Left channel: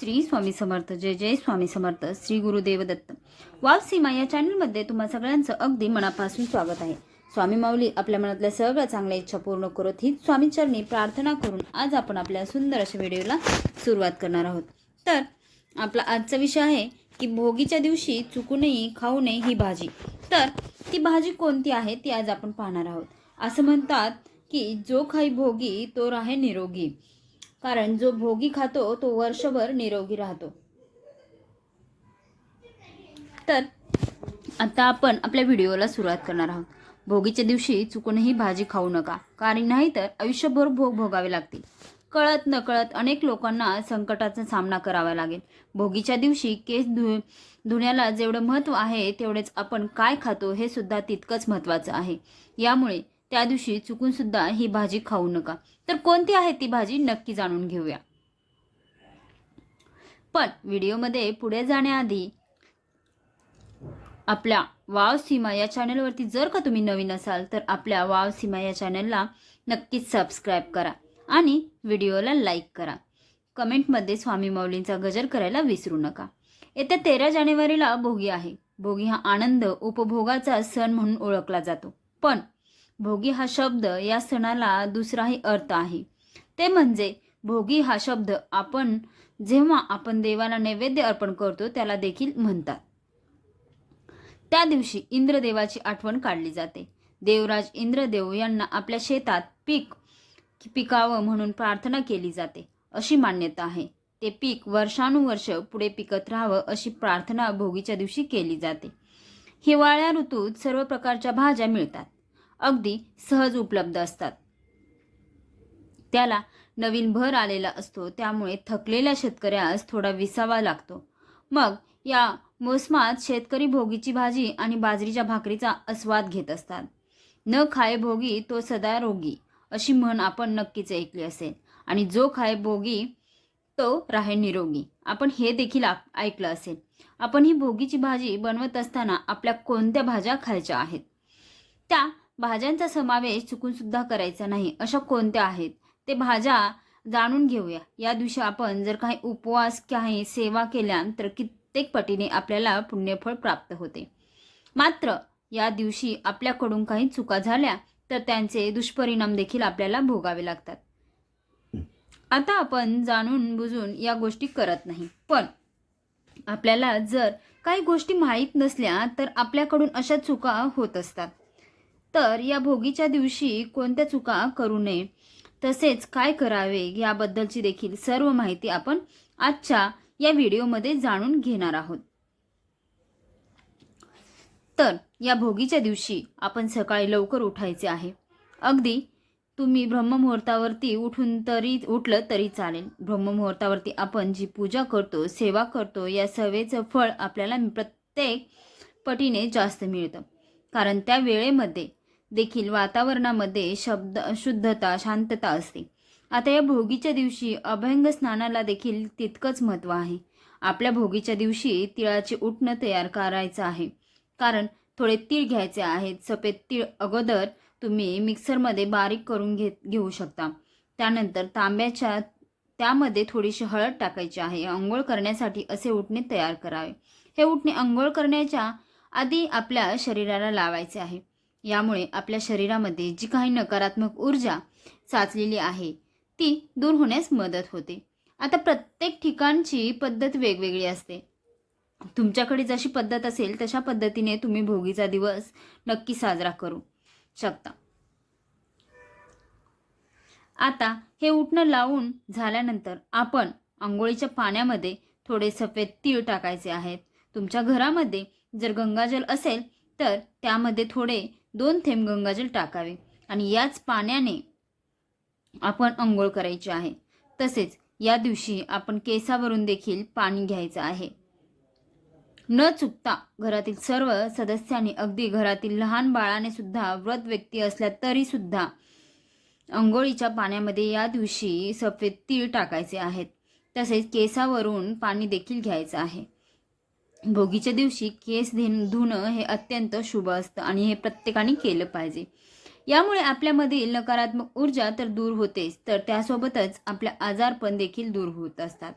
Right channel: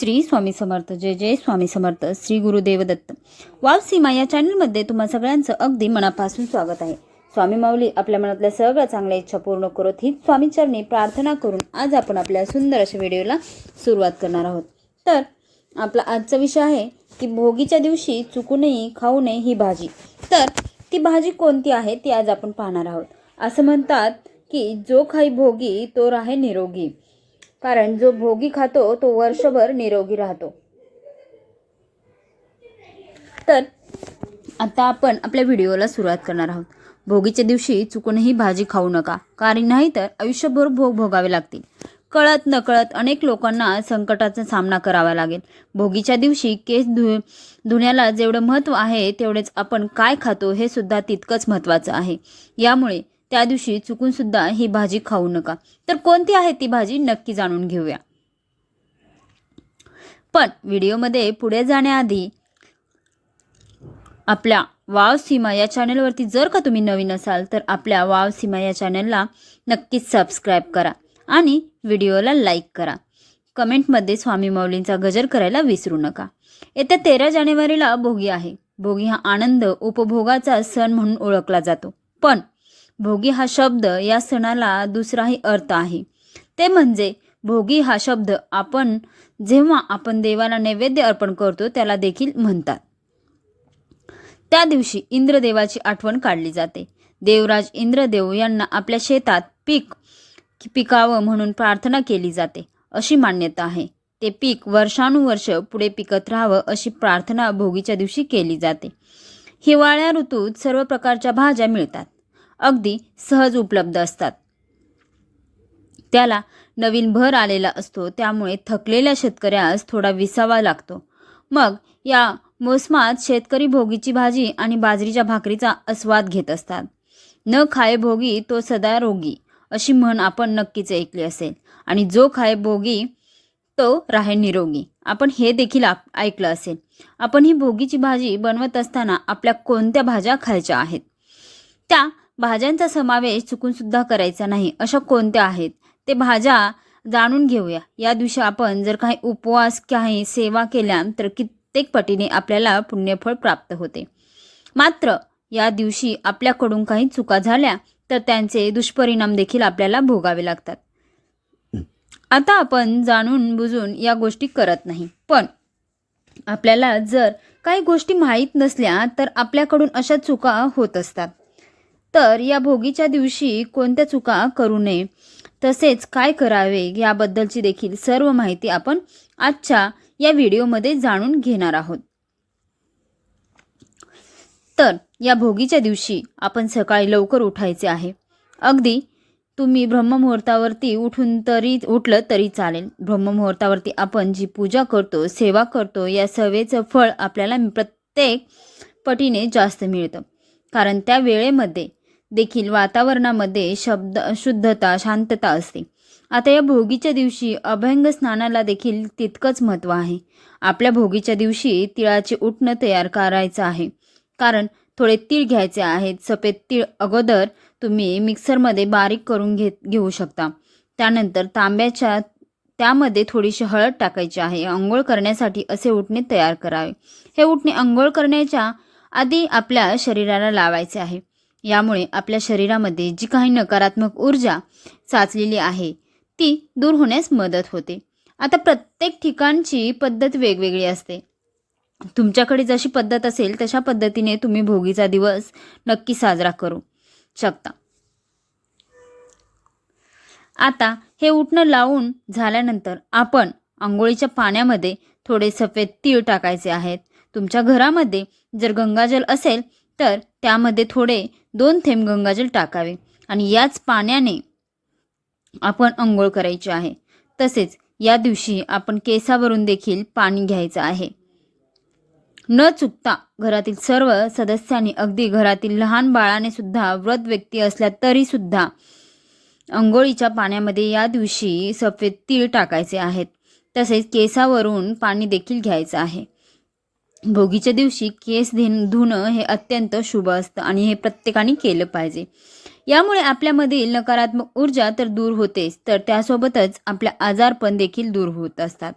श्री स्वामी समर्थ. जय जय स्वामी समर्थ. श्री गुरुदेव दत्त वाव सीमा या चॅनलमध्ये तुम्हा सगळ्यांचं अगदी मनापासून स्वागत आहे. स्वामी माऊली आपल्या मनातल्या सगळ्या चांगल्या इच्छा पूर्ण करत ही स्वामीचरणी प्रार्थना करून आज आपण आपल्या सुंदर अशा व्हिडिओला सुरुवात करणार आहोत. तर आपला आजचा विषय आहे की भोगीच्या दिवशी चुकूनही खाऊ नये ही भाजी. तर ती भाजी कोणती आहे ती आज आपण पाहणार आहोत. असं म्हणतात की जो खाई भोगी तो राहे निरोगी. कारण जो भोगी खातो तो वर्षभर निरोगी राहतो. तर आता आपण आपल्या व्हिडिओला सुरुवात करणार आहोत. भोगीच्या दिवशी चुकूनही भाजी खाऊ नका कारण नाही तर आयुष्यभर भोग भोगावे लागतील. कळत नकळत अनेक लोकांना संकटाचा सामना करावा लागेल. भोगीच्या दिवशी केस धु धुण्याला जेवढं महत्त्व आहे तेवढेच आपण काय खातो हे सुद्धा तितकंच महत्त्वाचं आहे. यामुळे त्या दिवशी चुकून सुद्धा ही भाजी खाऊ नका. तर कोणती आहे ती भाजी नक्की जाणून घेऊया. पण व्हिडिओमध्ये पुढे जाण्याआधी आपल्या वाव सीमा या चॅनलवरती जर का तुम्ही नवीन असाल तर आपल्या वाव सीमा या चॅनलला नक्कीच सबस्क्राईब करा आणि व्हिडिओला लाईक करा. कमेंटमध्ये स्वामी माऊलींचा गजर करायला विसरू नका. येत्या तेरा जानेवारीला भोगी आहे. भोगी हा आनंद उपभोगाचा सण म्हणून ओळखला जातो. पण भोगी हा शब्द या सणाला दुसराही अर्थ आहे. ते म्हणजे भोगी हा शब्द आपण जेव्हा आपण देवाला नैवेद्य अर्पण करतो त्याला देखील म्हणतात. त्या दिवशी इंद्रदेवाची आठवण काढली जाते. देवराज इंद्रदेव यांना आपल्या शेतात पीक पिकावं म्हणून प्रार्थना केली जाते अशी मान्यता आहे. ते पीक वर्षानुवर्ष पुढे पिकत राहावं अशी प्रार्थना भोगीच्या दिवशी केली जाते. हिवाळ्या ऋतूत सर्व प्रकारच्या भाज्या मिळतात. अगदी सहज उपलब्ध असतात. त्याला नवीन भर आलेला असतो त्यामुळे थकलेल्या शेतकऱ्यास थोडा विसावा लागतो. मग या मोसमात शेतकरी भोगीची भाजी आणि बाजरीच्या भाकरीचा आस्वाद घेत असतात. न खाय भोगी तो सदा रोगी अशी म्हण आपण नक्कीच ऐकली असेल. आणि जो खाय भोगी तो राहे निरोगी. आपण हे देखील ऐकलं असेल. आपण ही भोगीची भाजी बनवत असताना आपल्या कोणत्या भाज्या खायच्या आहेत? त्या भाज्यांचा समावेश चुकून सुद्धा करायचा नाही अशा कोणत्या आहेत? ते भाज्या जाणून घेऊया. या दिवशी आपण जर काही उपवास काही सेवा केल्या तर कित्येक पटीने आपल्याला पुण्यफळ प्राप्त होते. मात्र या दिवशी आपल्याकडून काही चुका झाल्या तर त्यांचे दुष्परिणाम देखील आपल्याला भोगावे लागतात. आता आपण जाणून बुजून या गोष्टी करत नाही. पण आपल्याला जर काही गोष्टी माहीत नसल्या तर आपल्याकडून अशा चुका होत असतात. तर या भोगीच्या दिवशी कोणत्या चुका करू नये. तसेच काय करावे याबद्दलची देखील सर्व माहिती आपण आजच्या या व्हिडिओमध्ये जाणून घेणार आहोत. तर या भोगीच्या दिवशी आपण सकाळी लवकर उठायचे आहे. अगदी तुम्ही ब्रह्ममुहूर्तावरती उठून तरी उठलं तरी चालेल. ब्रह्ममुहूर्तावरती आपण जी पूजा करतो सेवा करतो या सेवेचं फळ आपल्याला प्रत्येक पटीने जास्त मिळतं. कारण त्या वेळेमध्ये देखील वातावरणामध्ये शब्द शुद्धता शांतता असते. आता या भोगीच्या दिवशी अभंग स्नानाला देखील तितकंच महत्त्व आहे. आपल्या भोगीच्या दिवशी तिळाचे उठणं तयार करायचं आहे. कारण थोडे तीळ घ्यायचे आहेत. सफेद तीळ अगोदर तुम्ही मिक्सरमध्ये बारीक करून घेत घेऊ शकता. त्यानंतर तांब्याच्या त्यामध्ये थोडीशी हळद टाकायची आहे. आंघोळ करण्यासाठी असे उठणे तयार करावे. हे उठणे आंघोळ करण्याच्या आधी आपल्या शरीराला लावायचे आहे. यामुळे आपल्या शरीरामध्ये जी काही नकारात्मक ऊर्जा साचलेली आहे ती दूर होण्यास मदत होते. आता प्रत्येक ठिकाणची पद्धत वेगवेगळी असते. तुमच्याकडे जशी पद्धत असेल तशा पद्धतीने तुम्ही भोगीचा दिवस नक्की साजरा करू शकता. आता हे उठणं लावून झाल्यानंतर आपण आंघोळीच्या पाण्यामध्ये थोडे सफेद तीळ टाकायचे आहेत. तुमच्या घरामध्ये जर गंगाजल असेल तर त्यामध्ये थोडे दोन थेंब गंगाजल टाकावे आणि याच पाण्याने आपण अंघोळ करायची आहे. तसेच या दिवशी आपण केसावरून देखील पाणी घ्यायचं आहे. न चुकता घरातील सर्व सदस्यांनी अगदी घरातील लहान बाळाने सुद्धा व्रत व्यक्ती असल्या तरी सुद्धा अंघोळीच्या पाण्यामध्ये या दिवशी सफेद तीळ टाकायचे आहेत. तसेच केसावरून पाणी देखील घ्यायचं आहे. भोगीच्या दिवशी केस धेन धुणं हे अत्यंत शुभ असतं आणि हे प्रत्येकाने केलं पाहिजे. यामुळे आपल्यामधील नकारात्मक ऊर्जा तर दूर होतेच तर त्यासोबतच आपल्या आजारपण देखील दूर होत असतात.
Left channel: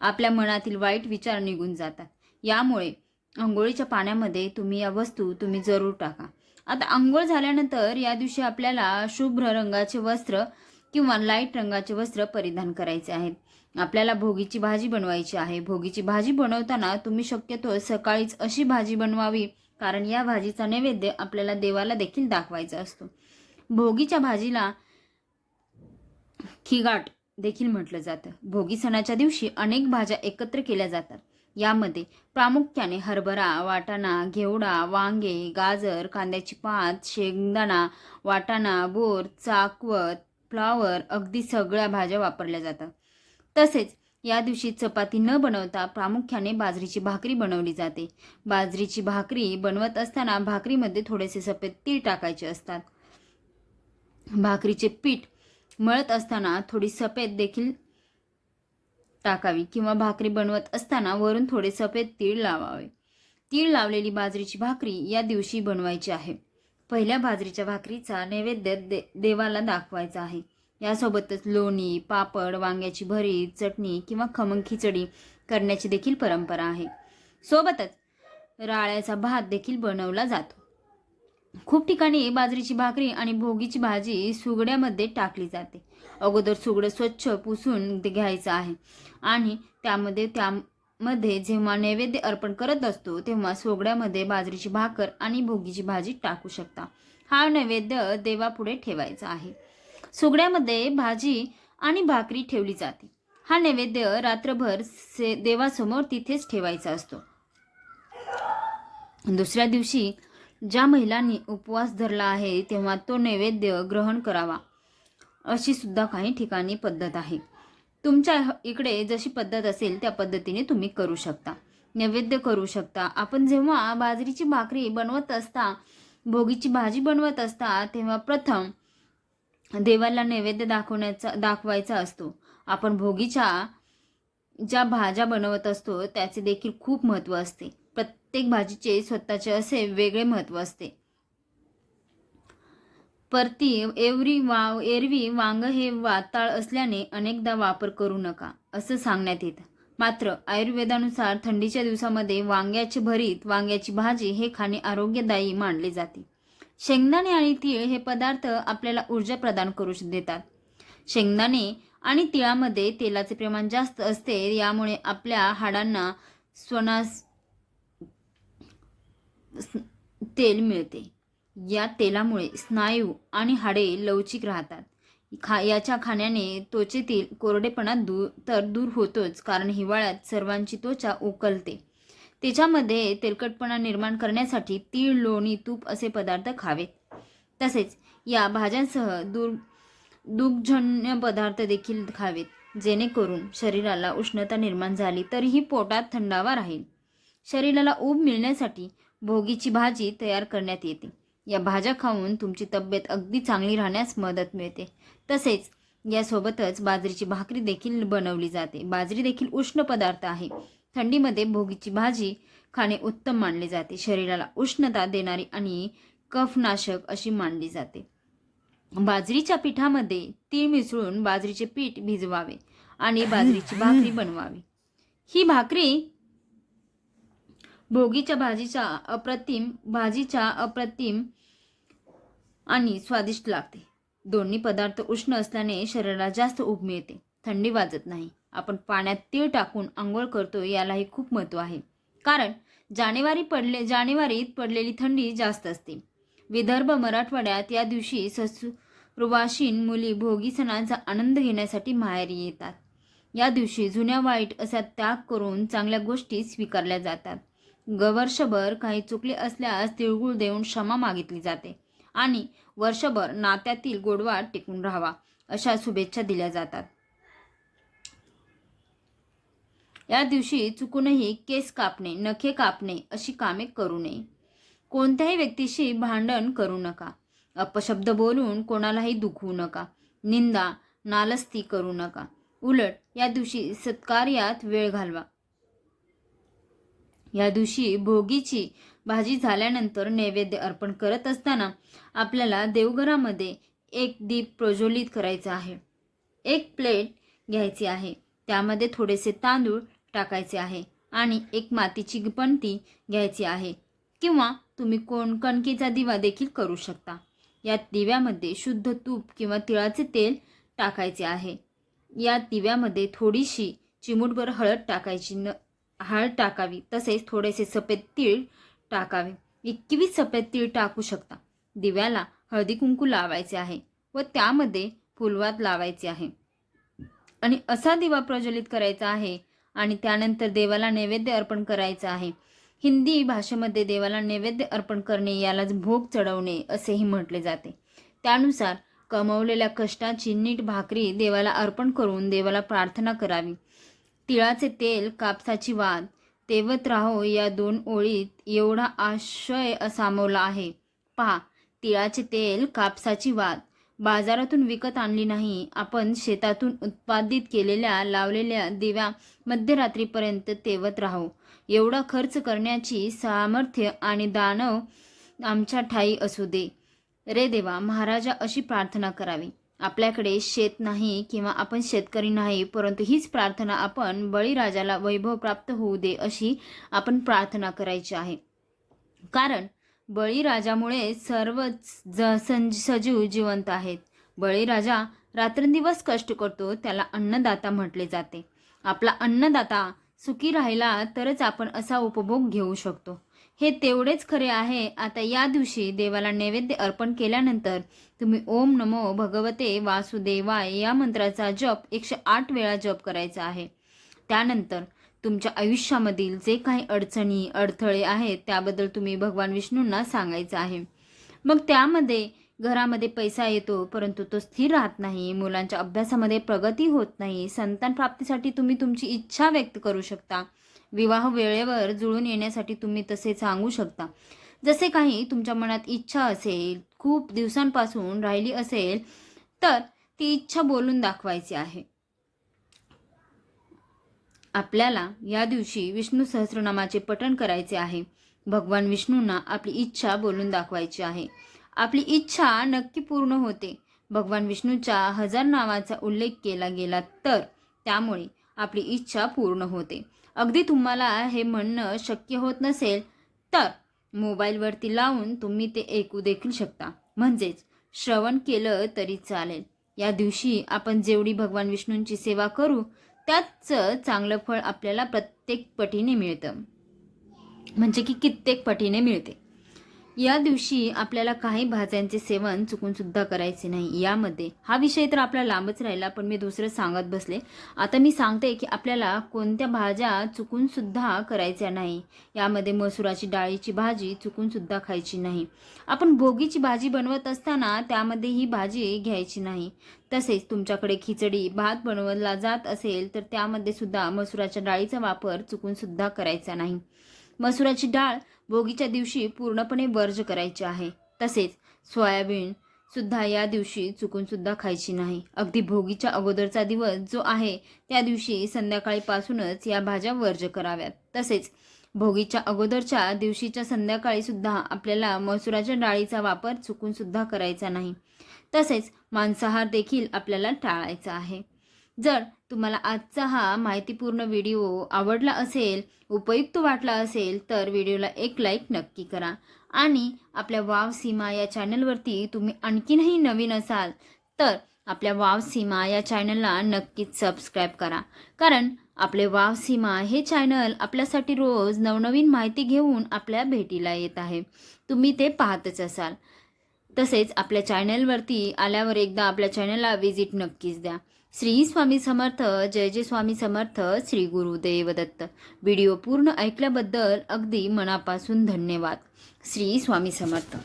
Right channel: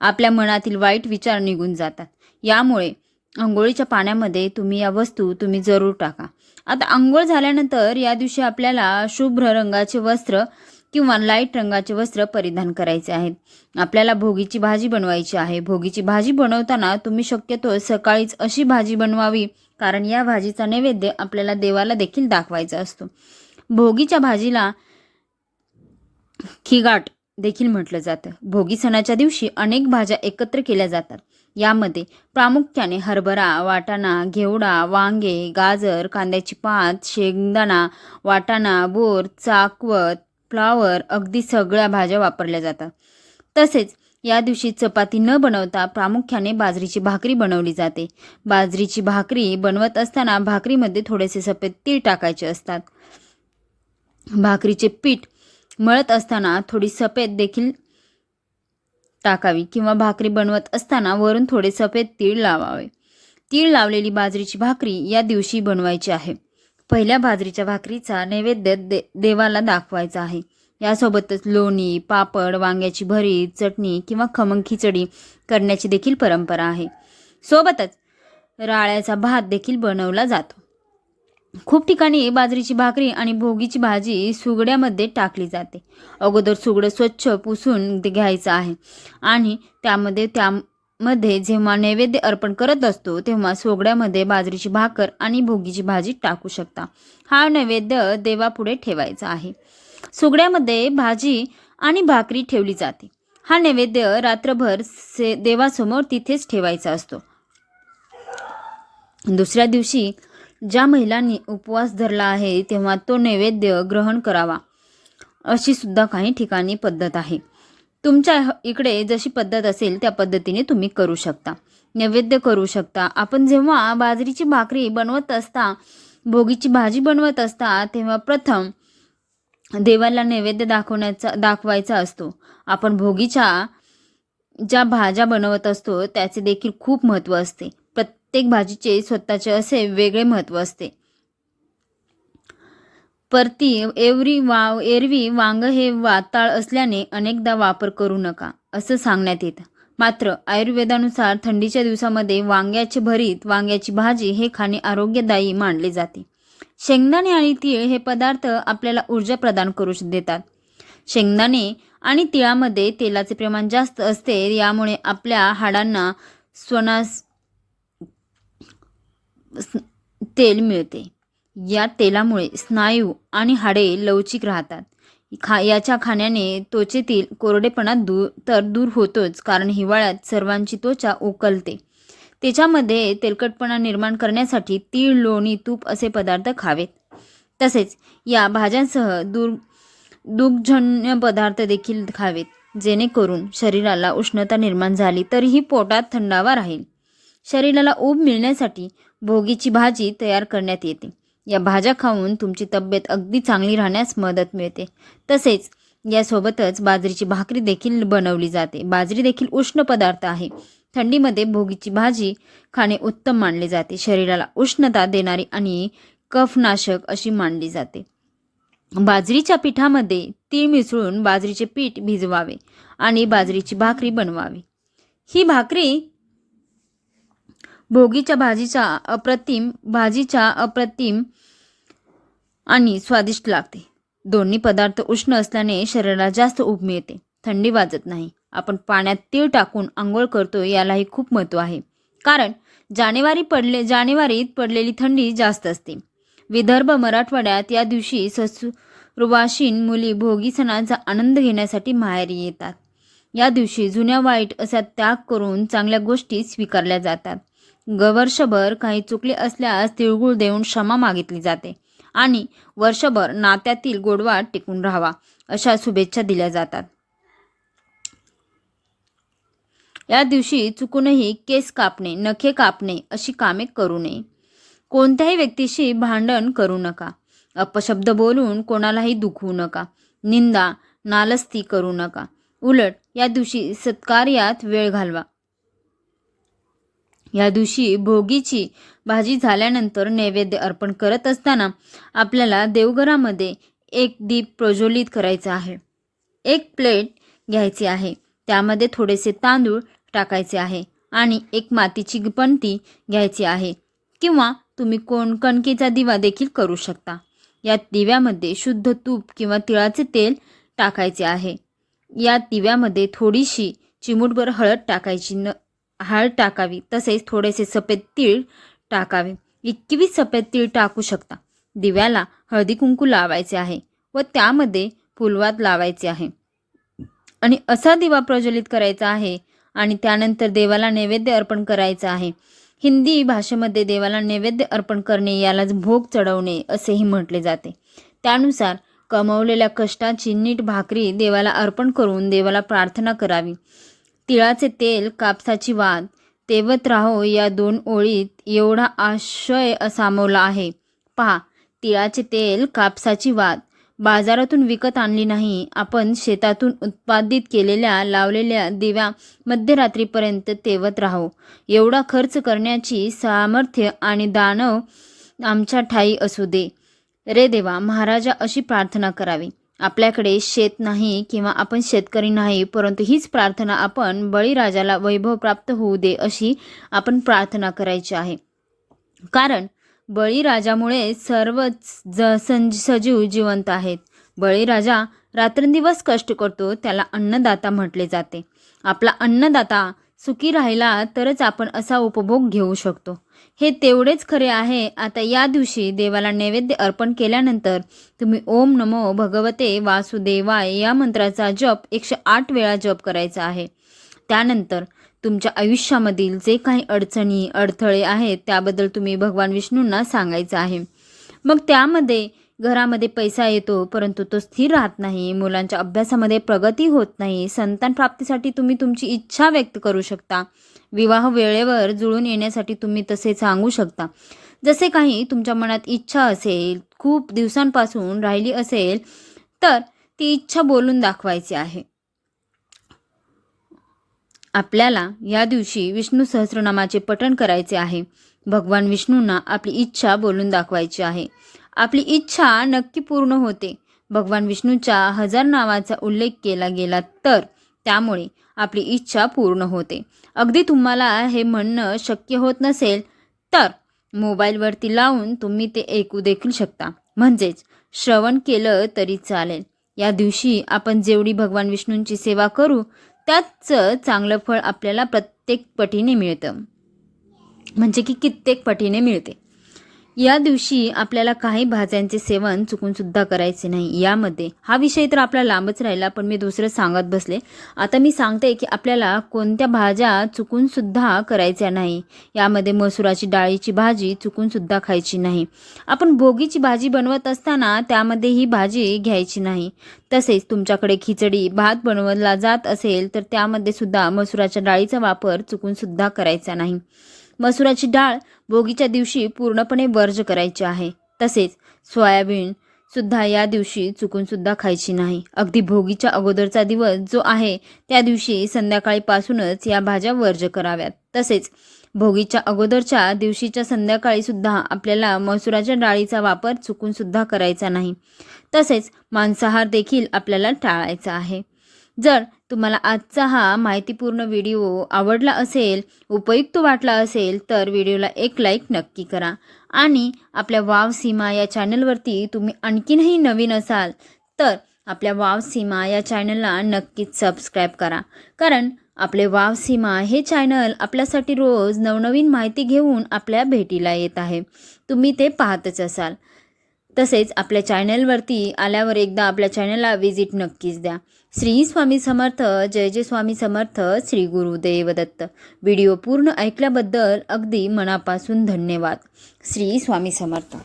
आपल्या मनातील वाईट विचार निघून जातात. यामुळे आंघोळीच्या पाण्यामध्ये तुम्ही या वस्तू तुम्ही जरूर टाका. आता आंघोळ झाल्यानंतर या दिवशी आपल्याला शुभ्र रंगाचे वस्त्र किंवा लाइट रंगाचे वस्त्र परिधान करायचे आहेत. आपल्याला भोगीची भाजी बनवायची आहे. भोगीची भाजी बनवताना तुम्ही शक्यतो सकाळीच अशी भाजी बनवावी कारण या भाजीचा नैवेद्य आपल्याला देवाला देखील दाखवायचा असतो. भोगीच्या भाजीला खिगाट देखील म्हटलं जातं. भोगी सणाच्या दिवशी अनेक भाज्या एकत्र केल्या जातात. यामध्ये प्रामुख्याने हरभरा वाटाणा घेवडा वांगे गाजर कांद्याची पात शेंगदाणा वाटाणा बोर चाकवत फ्लावर अगदी सगळ्या भाज्या वापरल्या जातात. तसेच या दिवशी चपाती न बनवता प्रामुख्याने बाजरीची भाकरी बनवली जाते. बाजरीची भाकरी बनवत असताना भाकरीमध्ये थोडेसे सफेद तीळ टाकायचे असतात. भाकरीचे पीठ मळत असताना थोडी सफेद देखील टाकावी किंवा भाकरी बनवत असताना वरून थोडे सफेद तीळ लावावे. तीळ लावलेली बाजरीची भाकरी या दिवशी बनवायची आहे. पहिल्या बाजरीच्या भाकरीचा नैवेद्य दे देवाला दाखवायचा आहे. यासोबतच लोणी पापड वांग्याची भरीत चटणी किंवा खमंग खिचडी करण्याची देखील परंपरा आहे. सोबतच राळ्याचा भात देखील बनवला जातो. खूप ठिकाणी बाजरीची भाकरी आणि भोगीची भाजी सुगड्यामध्ये टाकली जाते. अगोदर सुगडं स्वच्छ पुसून घ्यायचं आहे आणि त्यामध्ये त्या मध्ये जेव्हा नैवेद्य अर्पण करत असतो तेव्हा सोगड्यामध्ये बाजरीची भाकर आणि भोगीची भाजी टाकू शकता. हा नैवेद्य देवापुढे ठेवायचा आहे. सोगड्यामध्ये भाजी आणि भाकरी ठेवली जाते. हा नैवेद्य रात्रभर से देवासमोर तिथेच ठेवायचा असतो. दुसऱ्या दिवशी ज्या महिलांनी उपवास धरला आहे तेव्हा तो नैवेद्य ग्रहण करावा अशी सुद्धा काही ठिकाणी पद्धत आहे. तुमच्या इकडे जशी पद्धत असेल त्या पद्धतीने तुम्ही करू शकता. नैवेद्य करू शकता. आपण जेव्हा बाजरीची भाकरी बनवत असता भोगीची भाजी बनवत असता तेव्हा प्रथम देवाला नैवेद्य दाखवण्याचा दाखवायचा असतो. आपण भोगीच्या ज्या भाज्या बनवत असतो त्याचे देखील खूप महत्त्व असते. प्रत्येक भाजीचे स्वतःचे असे वेगळे महत्त्व असते. परती एवरी वाव एरवी वांग हे वाताळ असल्याने अनेकदा वापर करू नका असं सांगण्यात येतं. मात्र आयुर्वेदानुसार थंडीच्या दिवसामध्ये वांग्याचे भरीत वांग्याची भाजी हे खाणे आरोग्यदायी मानले जाते. शेंगदाणे आणि तीळ हे पदार्थ आपल्याला ऊर्जा प्रदान करू देतात. शेंगदाणे आणि तिळामध्ये तेलाचे प्रमाण जास्त असते यामुळे आपल्या हाडांना स्वनास तेल मिळते. या तेलामुळे स्नायू आणि हाडे लवचिक राहतात. खा याच्या खाण्याने त्वचेतील कोरडेपणा दूर तर दूर होतोच कारण हिवाळ्यात सर्वांची त्वचा उकलते. त्याच्यामध्ये तेलकटपणा निर्माण करण्यासाठी तीळ लोणी तूप असे पदार्थ खावेत. तसेच या भाज्यांसह दूर दुग्धजन्य पदार्थ देखील खावेत जेणेकरून शरीराला उष्णता निर्माण झाली तरीही पोटात थंडावा राहील. शरीराला ऊब मिळण्यासाठी भोगीची भाजी तयार करण्यात येते. या भाज्या खाऊन तुमची तब्येत अगदी चांगली राहण्यास मदत मिळते. तसेच यासोबतच बाजरीची भाकरी देखील बनवली जाते. बाजरी देखील उष्ण पदार्थ आहे. थंडीमध्ये भोगीची भाजी खाणे उत्तम मानले जाते. शरीराला उष्णता देणारी आणि कफनाशक अशी मानली जाते. बाजरीच्या पिठामध्ये तीळ मिसळून बाजरीचे पीठ भिजवावे आणि बाजरीची भाकरी बनवावी. ही भाकरी भोगीच्या भाजीच्या अप्रतिम भाजीच्या अप्रतिम आणि स्वादिष्ट लागते. दोन्ही पदार्थ उष्ण असल्याने शरीराला जास्त ऊब मिळते. थंडी वाजत नाही. आपण पाण्यात तीळ टाकून आंघोळ करतो यालाही खूप महत्त्व आहे. कारण जानेवारी पडले जानेवारीत पडलेली थंडी जास्त असते. विदर्भ मराठवाड्यात या दिवशी ससुरवाशीन मुली भोगी सणाचा आनंद घेण्यासाठी माहेरी येतात. या दिवशी जुन्या वाईट असा त्याग करून चांगल्या गोष्टी स्वीकारल्या जातात. वर्षभर काही चुकले असल्यास तिळगुळ देऊन क्षमा मागितली जाते आणि वर्षभर नात्यातील गोडवा टिकून राहावा अशा शुभेच्छा दिल्या जातात. या दिवशी चुकूनही केस कापणे नखे कापणे अशी कामे करू नये. कोणत्याही व्यक्तीशी भांडण करू नका. अपशब्द बोलून कोणालाही दुखवू नका. निंदा नालस्ती करू नका. उलट या दिवशी सत्कार्यात वेळ घालवा. या दिवशी भोगीची भाजी झाल्यानंतर नैवेद्य अर्पण करत असताना आपल्याला देवघरामध्ये एक दीप प्रज्वलित करायचा आहे. एक प्लेट घ्यायची आहे. त्यामध्ये थोडेसे तांदूळ टाकायचे आहे आणि एक मातीची पणती घ्यायची आहे. किंवा तुम्ही कोण कणकेचा दिवा देखील करू शकता. या दिव्यामध्ये शुद्ध तूप किंवा तिळाचे तेल टाकायचे आहे. या दिव्यामध्ये थोडीशी चिमूटभर हळद टाकायची न हळद टाकावी. तसेच थोडेसे सफेद तीळ टाकावे. एकवीस सफेद तीळ टाकू शकता. दिव्याला हळदी कुंकू लावायचे आहे व त्यामध्ये फुलवात लावायचे आहे. आणि असा दिवा प्रज्वलित करायचा आहे आणि त्यानंतर देवाला नैवेद्य अर्पण करायचं आहे. हिंदी भाषेमध्ये देवाला नैवेद्य अर्पण करणे यालाच भोग चढवणे असेही म्हटले जाते. त्यानुसार कमवलेल्या कष्टाची नीट भाकरी देवाला अर्पण करून देवाला प्रार्थना करावी. तिळाचे तेल कापसाची वाद तेवत राहो या दोन ओळीत एवढा आशय सामावला आहे. पहा तिळाचे तेल कापसाची वाद. बाजारातून विकत आणली नाही. आपण शेतातून उत्पादित केलेल्या लावलेल्या दिव्या मध्यरात्रीपर्यंत तेवत राहो. एवढा खर्च करण्याची सामर्थ्य आणि दानव आमच्या ठाई असू दे. रे देवा महाराजा अशी प्रार्थना करावी. आपल्याकडे शेत नाही किंवा आपण शेतकरी नाही परंतु हीच प्रार्थना आपण बळीराजाला वैभव प्राप्त होऊ दे अशी आपण प्रार्थना करायची आहे. कारण बळीराजामुळे सर्वच ज सं सजीव जिवंत आहेत. बळीराजा रात्रंदिवस कष्ट करतो त्याला अन्नदाता म्हटले जाते. आपला अन्नदाता सुखी राहिला तरच आपण असा उपभोग घेऊ शकतो. हे तेवढेच खरे आहे. आता या दिवशी देवाला नैवेद्य अर्पण केल्यानंतर तुम्ही ओम नमो भगवते वासुदेवाय या मंत्राचा जप एकशे आठ वेळा जप करायचा आहे. त्यानंतर तुमच्या आयुष्यामधील जे काही अडचणी अडथळे आहेत त्याबद्दल तुम्ही भगवान विष्णूंना सांगायचं आहे. मग त्यामध्ये घरामध्ये पैसा येतो परंतु तो स्थिर राहत नाही मुलांच्या अभ्यासामध्ये प्रगती होत नाही संतान प्राप्तीसाठी तुम्ही तुमची इच्छा व्यक्त करू शकता. विवाह वेळेवर जुळून येण्यासाठी तुम्ही तसे सांगू शकता. जसे काही तुमच्या मनात इच्छा असेल खूप दिवसांपासून राहिली असेल तर ती इच्छा बोलून दाखवायची आहे. आपल्याला या दिवशी विष्णू सहस्रनामाचे पठण करायचे आहे. भगवान विष्णूंना आपली इच्छा बोलून दाखवायची आहे. आपली इच्छा नक्की पूर्ण होते. भगवान विष्णूच्या हजार नावाचा उल्लेख केला गेला तर त्यामुळे आपली इच्छा पूर्ण होते. अगदी तुम्हाला हे म्हणणं शक्य होत नसेल तर मोबाईलवरती लावून तुम्ही ते ऐकू देखील शकता. म्हणजेच श्रवण केलं तरी चालेल. या दिवशी आपण जेवढी भगवान विष्णूंची सेवा करू त्याचं चांगलं फळ आपल्याला प्रत्येक पटीने मिळतं. म्हणजे की कित्येक पटीने मिळते. या दिवशी आपल्याला काही भाज्यांचे सेवन चुकून सुद्धा करायचे नाही. यामध्ये हा विषय तर आपला लांबच राहिला पण मी दुसरं सांगत बसले. आता मी सांगते की आपल्याला कोणत्या भाज्या चुकून सुद्धा करायच्या नाही. यामध्ये मसुराची डाळीची भाजी चुकून सुद्धा खायची नाही. आपण भोगीची भाजी बनवत असताना त्यामध्ये ही भाजी घ्यायची नाही. तसेच तुमच्याकडे खिचडी भात बनवला जात असेल तर त्यामध्ये सुद्धा मसुराच्या डाळीचा वापर चुकून सुद्धा करायचा नाही. मसुराची डाळ भोगीच्या दिवशी पूर्णपणे वर्ज करायची आहे. तसेच सोयाबीन सुद्धा या दिवशी चुकून सुद्धा खायची नाही. अगदी भोगीच्या अगोदरचा दिवस जो आहे त्या दिवशी संध्याकाळीपासूनच या भाज्या वर्ज कराव्यात. तसेच भोगीच्या अगोदरच्या दिवशीच्या संध्याकाळी सुद्धा आपल्याला मसुराच्या डाळीचा वापर चुकून सुद्धा करायचा नाही. तसेच मांसाहार देखील आपल्याला टाळायचा आहे. जर तुम्हाला आजचा हा माहितीपूर्ण व्हिडिओ आवडला असेल उपयुक्त वाटला असेल तर व्हिडिओला एक लाईक नक्की करा. आणि आपल्या वाव सीमा या चॅनलवरती तुम्ही आणखीनही नवीन असाल तर आपल्या वाव सीमा या चॅनलला नक्कीच सबस्क्राईब करा. कारण आपले वाव सीमा हे चॅनल आपल्यासाठी रोज नवनवीन माहिती घेऊन आपल्या भेटीला येत आहे. तुम्ही ते पाहतच असाल. तसेच आपल्या चॅनलवरती आल्यावर एकदा आपल्या चॅनलला व्हिजिट नक्कीच द्या. श्री स्वामी समर्थ जय जय स्वामी समर्थ श्री गुरुदेव दत्त व्हिडिओ पूर्ण ऐकल्याबद्दल अगदी मनापासून धन्यवाद. श्री स्वामी समर्थ.